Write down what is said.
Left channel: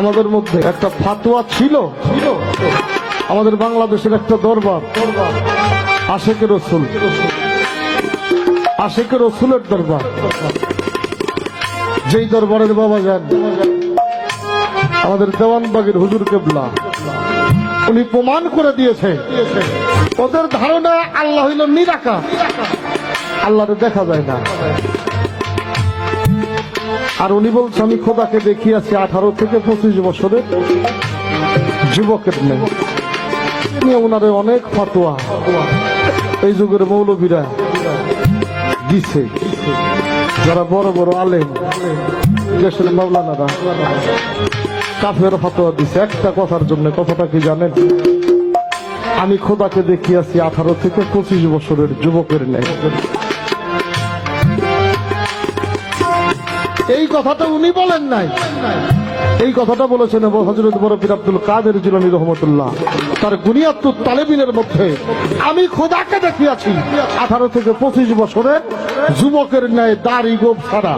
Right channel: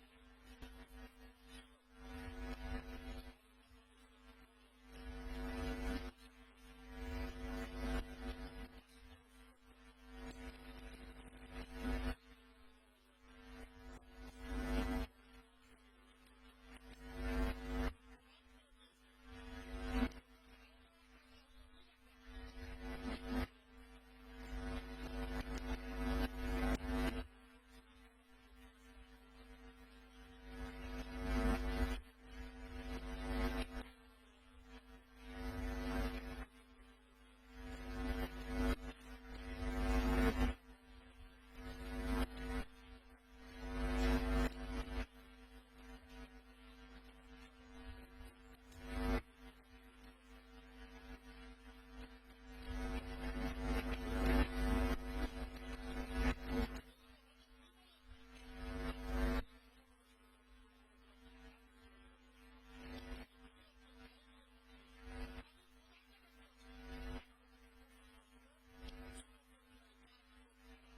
আমাদের মধ্যে একটা ফাতোয়া ছিল, আমাদের বাংলাদেশের একটা দরবার, আশেকে রসুল, আশেকে রসুলের দরবার, যেই দরবারের বাবা যান আমাদের দেওয়ানবাগের হুজুর কেবলা, উনি প্রমাণ করে দিয়েছে ওদের ধারণা আল্লাহ হইল নিরাকার, আল্লাহরে দেখা যায় না। আর উনি বলছে আমি খোদাকে দেখিয়েছি 18 থেকে 25 বছরের যুবকের নেই। ওনারে অনেক ফতোয়া এই যুগের মৌলবীরা দিছে, যারা বড় বড় আলেম দেশের মাওলানারা কাফের ফতোয়া দিছে একটা কথার জন্য। কথাটা কি জানেন? আমি খোদাকে দেখিয়েছি 18 থেকে 25 বছরের যুবকের নেই। এই কথাটা উনি বলেন নাই, এই কথাটা বলেছেন হযরত বড় পীর আব্দুল কাদের জিলানী রহমাতুল্লাহ তার গুনিয়াতুত তালেবিনের মধ্যে। আমি খোদাকে দেখিয়েছি 18 থেকে 25 বছরের যুবকের ন্যায় দাড়ি গোঁফ ছাড়া।